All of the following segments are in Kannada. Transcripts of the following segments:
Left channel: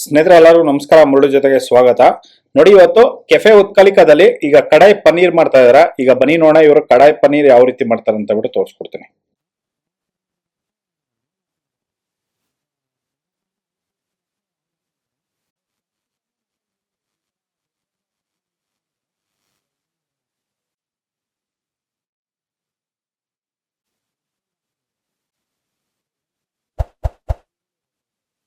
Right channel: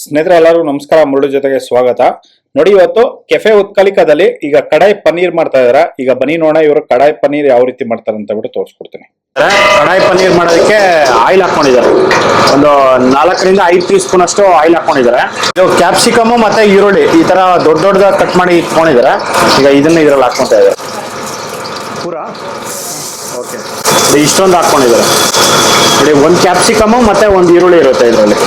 ಸ್ನೇಹಿತರೆ ಎಲ್ಲರಿಗೂ ನಮಸ್ಕಾರ. ಮುರುಳು ಜೊತೆಗೆ ಸ್ವಾಗತ. ನೋಡಿ, ಇವತ್ತು ಕೆಫೆ ಉತ್ಕಲಿಕದಲ್ಲಿ ಈಗ ಕಡಾಯಿ ಪನ್ನೀರ್ ಮಾಡ್ತಾ ಇದಾರೆ. ಈಗ ಬನ್ನಿ ನೋಡೋಣ ಇವರು ಕಡಾಯಿ ಪನ್ನೀರ್ ಯಾವ ರೀತಿ ಮಾಡ್ತಾರೆ ಅಂತ ಬಿಟ್ಟು ತೋರಿಸ್ಕೊಡ್ತೀನಿ. ಕಡಾಯಿ ಪನ್ನೀರ್ ಮಾಡೋದಕ್ಕೆ ಆಯಿಲ್ ಹಾಕೊಂಡಿದ್ದಾರೆ. ಒಂದು 4 ರಿಂದ 5 ಟೀ ಸ್ಪೂನ್ ಅಷ್ಟು ಆಯಿಲ್ ಹಾಕೊಂಡಿದ್ದಾರೆ. ಇದು ಕ್ಯಾಪ್ಸಿಕಮ್ ಮತ್ತೆ ಈರುಳ್ಳಿ ಈ ತರ ದೊಡ್ಡ ದೊಡ್ಡದಾಗಿ ಕಟ್ ಮಾಡಿ ಇಟ್ಕೊಂಡಿದ್ದಾರೆ. ಈಗ ಇದನ್ನ ಇದ್ರಲ್ಲಿ ಹಾಕೊಂತ ಇದ್ದಾರೆ ಪೂರಾ. ಓಕೆ, ಇಷ್ಟೊಂದು ಹಾಕೊಂಡಿದ್ದಾರೆ ನೋಡಿ. ಒಂದು ಕ್ಯಾಪ್ಸಿಕಮ್ ಮತ್ತೆ ಒಂದು ಈರುಳ್ಳಿ ಇರುತ್ತೆ ಇದರಲ್ಲಿ.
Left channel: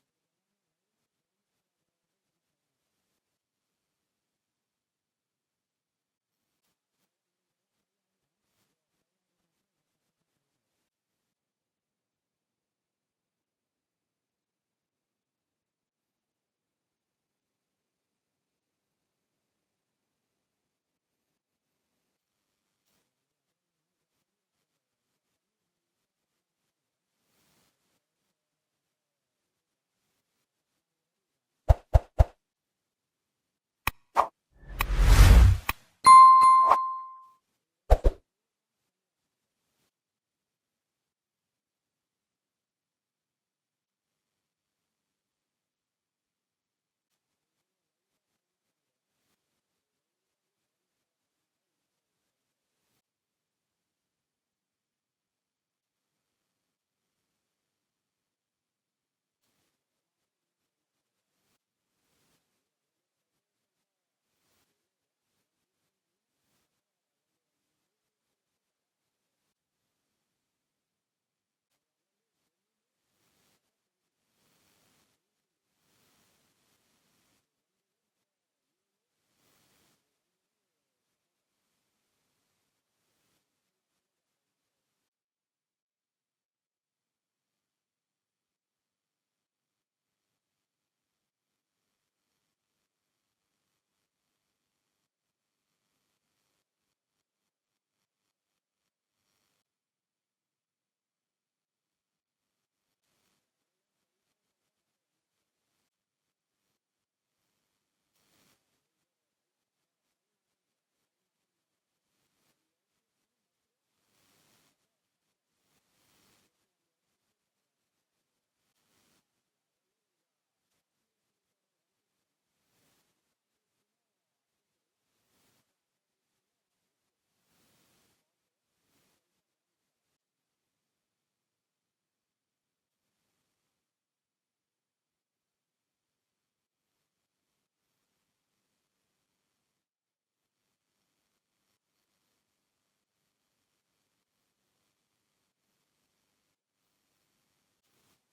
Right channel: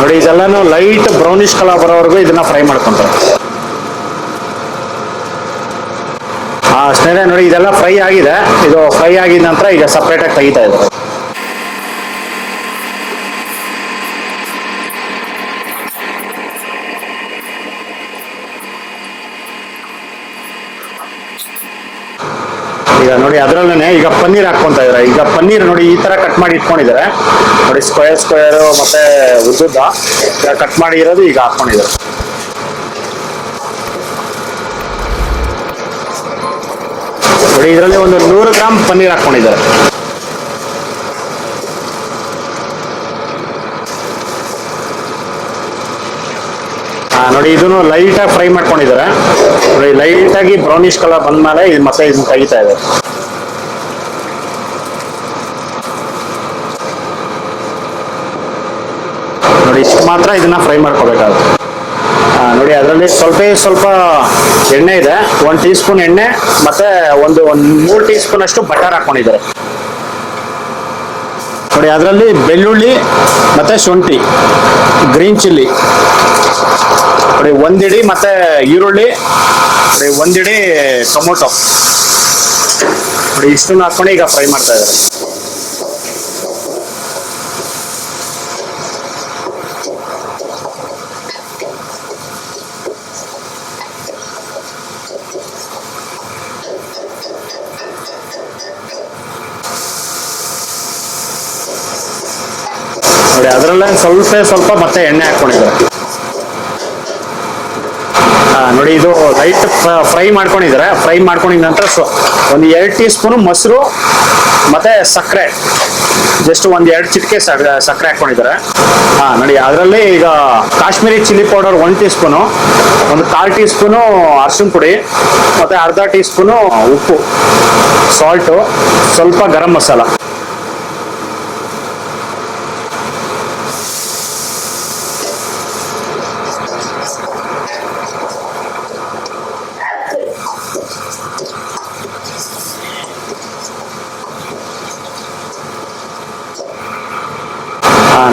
ನೋಡಿ, ಇದೆಲ್ಲಾನು ಲೈಟ್ ಬ್ರೌನಿಶ್ ಕಲರ್ ಬರೋವರೆಗೂ ಇದನ್ನ ಫ್ರೈ ಮಾಡ್ಕೊಂತಾರೆ. ಸ್ನೇಹಿತರೆ ನೋಡಿ, ಇದೆಲ್ಲ ಫ್ರೈ ಆಗಿದೆ. ಇದು ಫ್ರೈ ಆಗಿದ ನಂತರ ಈಗ ಸಪ್ರೇಟ್ ಆಗಿ ತೆಗಿತಾ ಇದ್ದಾರೆ. ಈಗ ನೋಡಿ, ಅದರಲ್ಲೇ ಈಗ ಪನ್ನೀರ್ ಹಾಕೊಂತ ಇದಾರೆ. ಈಗ ಪನ್ನೀರ್ ನೋಡಿ ಈ ತರ ಕಟ್ ಮಾಡಿ ಇಟ್ಕೊಂಡಿದ್ದಾರೆ ನೋಡಿ. ಸ್ಕ್ವೇರ್ ಮತ್ತೆ ಉದ್ದುದ್ದ ಕಟ್ ಮಾಡಿ ಇರೋದು ಈಗ ಹಾಕೊಂಡಿದ್ದಾರೆ. ನೋಡಿ, ಇದರಲ್ಲಿ ಒಂದು 100 ಗ್ರಾಮ್ ಪನ್ನೀರ್ ಹಾಕೊಂಡಿದ್ದಾರೆ. ನೋಡಿ, ಇದನ್ನು ಲೈಟ್ ಆಗಿ ಫ್ರೈ ಮಾಡ್ಕೊಂಡಿದ್ದಾರೆ. ನೋಡಿ, ಲೈಟ್ ಆಗಿ ಬ್ರೌನಿಶ್ ಕಲರ್ ಬಂದ್ಮೇಲೆ ಇದು ಮತ್ತೆ ಇದನ್ನ ತೆಗಿತಾ ಇದೆ. ನೋಡಿ, ಇಷ್ಟು ಮಾತ್ರ ಇದನ್ನ ಫ್ರೈ ಮಾಡ್ಕೋಬೇಕಾಗುತ್ತೆ. ನೋಡಿ, ಅದರಲ್ಲಿ ಸ್ವಲ್ಪ ಎಣ್ಣೆ ಇದೆ. 1 ಟೀ ಸ್ಪೂನ್ ಎಣ್ಣೆ ಮತ್ತೆ ಒಂದು 3 ಟೀ ಸ್ಪೂನ್ ಅಷ್ಟು ಬಟರ್ ಹಾಕೊಂಡಿದ್ದಾರೆ. ನೋಡಿ, ಅದರಲ್ಲಿ ಬೆಳ್ಳುಳ್ಳಿ ಮತ್ತೆ ಶುಂಠಿ, ಗ್ರೀನ್ ಚಿಲ್ಲಿ ನೋಡಿ, 1 ಇಡಿ ಮತ್ತೆ ಈರುಳ್ಳಿ ನೋಡಿ, 1 ಇಡಿ ಟೊಮೊಟೊ ನೋಡಿ, ಇಷ್ಟನ್ನು ಹಾಕೊಂಡು ಈಗ ಫ್ರೈ ಮಾಡ್ತಾ ಇದ್ದಾರೆ. ನೋಡಿ, ಅದರಲ್ಲೇ ಸ್ವಲ್ಪ ಮತ್ತೆ ಎಣ್ಣೆ ಹಾಕೊಂಡಿದ್ದಾರೆ. ನೋಡಿ, ಇದು ಲೈಟ್ ಫ್ರೈ ಮಾಡ್ಕೊಂಡಿದ್ದಾರೆ. ಫ್ರೈ ಮಾಡ್ಕೊಂಡಿದ ನಂತರ ಒಂದು 2 ಟೀ ಸ್ಪೂನ್ ಮೊಸರು ಮತ್ತೆ ಸಕ್ಕರೆ, ಜಸ್ಟ್ ಒಂದು 2 ಚಿಟಿಕೆ ಸಕ್ಕರೆ ಹಾಕೊಂಡಿದ್ದಾರೆ. ನೋಡಿ, ಅದರಲ್ಲಿ ಈಗ Kashmiri chilli powder 1 tea spoon, ಒಂದು 1/4 ಟೀ ಸ್ಪೂನು ಅರಿಶಿನ ಪುಡಿ ಮತ್ತೆ ಅರ್ಧ ಟೀ ಸ್ಪೂನು ಉಪ್ಪು, ಸಾಲ್ಟು, ಸ್ವಲ್ಪ ಗರಂ ಮಸಾಲ.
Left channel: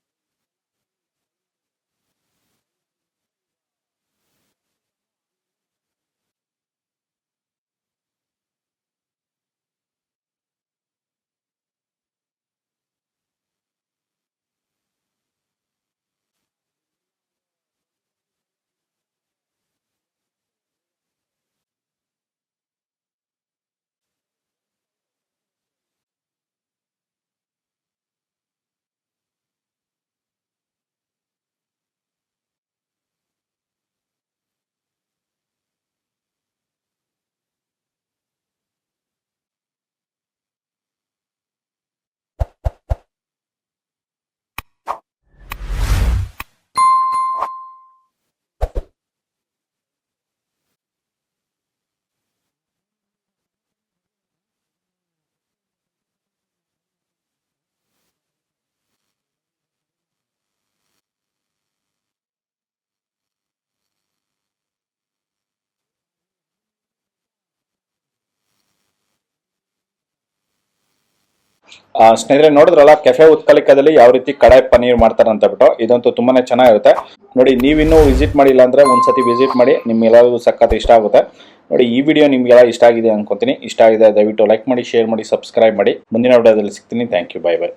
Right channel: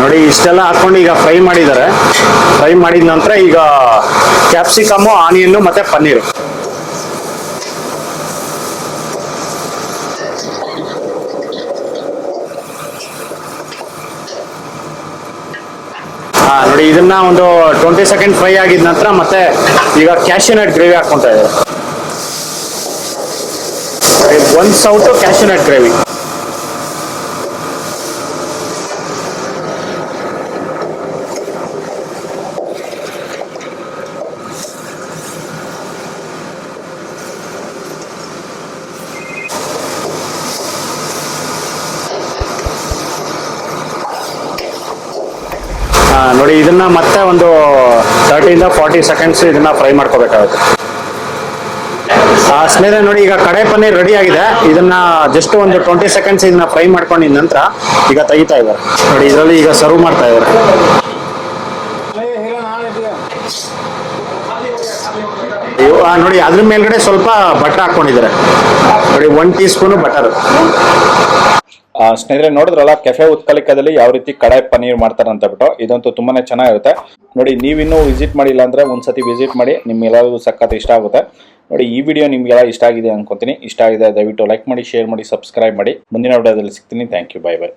ನೋಡಿ, ಇಷ್ಟೆಲ್ಲ ಹಾಕೊಂಡು ಈಗ ಫ್ರೈ ಮಾಡಿದ್ದಾರೆ. ಫ್ರೈ ಮಾಡಿದ ನಂತರ ಈಗ ಕ್ಯಾಪ್ಸಿಕಮ್ಮು, ಆನಿಯನ್ನು ಮತ್ತೆ ಪನ್ನೀರು ನೋಡಿ, ಇದನ್ನ ಒಂದು 20 ಸೆಕೆಂಡ್ ಫ್ರೈ ಆಗಿದ ನಂತರ ಮತ್ತೆ ಈಗ ಕ್ಯಾಶ್ಯೂ ನಟ್ ಗ್ರೇವಿ ಹಾಕೊಂತ ಇದ್ದಾರೆ. 1 ಸೌಟು ಕ್ಯಾಶ್ಯೂ ನಟ್ ಗ್ರೇವಿ. ನೋಡಿ, ಇದನ್ನ ಮತ್ತೆ ಒಂದು 30 ರಿಂದ 40 ಸೆಕೆಂಡ್ಸ್ ಇದನ್ನ ಫ್ರೈ ಮಾಡ್ಕೋಬೇಕಾಗುತ್ತೆ. ಸ್ನೇಹಿತರೆ ನೋಡಿ, ಈಗ ಕಡಾಯಿ ಪನ್ನೀರ್ ರೆಡಿ ಆಗಿದೆ. ಇದನ್ನ ಜಸ್ಟ್ ಒಂದು 20 ಸೆಕೆಂಡ್ಸ್ ಇದನ್ನ ಫ್ರೈ ಮಾಡ್ಕೊಂಡಿದ ನಂತರ ಈಗ ತೆಗಿತಾ ಇದ್ದಾರೆ. ನೋಡಿ, ಇದರಲ್ಲಿ ಈಗ ಸರ್ವ್ ಮಾಡ್ತಾ ಇದ್ದಾರೆ. ನೋಡಿ, ಅದ್ರ ಮೇಲ್ಗಡೆ ಸ್ವಲ್ಪ ಬಟರ್ ಹಾಕೊಂಡಿದ್ದಾರೆ. ನೋಡಿ, 1 ಟೀ ಸ್ಪೂನ್ ಬಟರ್. ಸ್ನೇಹಿತರೆ ನೋಡಿದ್ರಲ್ಲ, ಕೆಫೆ ಉತ್ಕಲಿಕದಲ್ಲಿ ಯಾವ ರೀತಿ ಕಡಾಯಿ ಪನ್ನೀರ್ ಮಾಡ್ತಾರೆ ಅಂತ ಬಿಟ್ಟು. ಇದಂತೂ ತುಂಬಾನೇ ಚೆನ್ನಾಗಿರುತ್ತೆ. ನೋಡಿ, ನೀವಿನ್ನೂ ವಿಸಿಟ್ ಮಾಡಿಲ್ಲ ಅಂದ್ರೆ ಒಂದ್ಸತಿ ವಿಸಿಟ್ ಮಾಡಿ. ನಿಮ್ಗೆಲ್ಲರಿಗೂ ಸಖತ್ ಇಷ್ಟ ಆಗುತ್ತೆ. ನೋಡಿ, ಈ ವಿಡಿಯೋ ನಿಮ್ಗೆಲ್ಲ ಇಷ್ಟ ಆಗಿದೆ ಅನ್ಕೊಂತೀನಿ. ಇಷ್ಟ ಆಗಿದೆ ದಯವಿಟ್ಟು ಲೈಕ್ ಮಾಡಿ, ಶೇರ್ ಮಾಡಿ, ಸಬ್ಸ್ಕ್ರೈಬ್ ಮಾಡಿ. ಮುಂದಿನ ವಿಡಿಯೋದಲ್ಲಿ ಸಿಗ್ತೀನಿ. Thank you, bye by.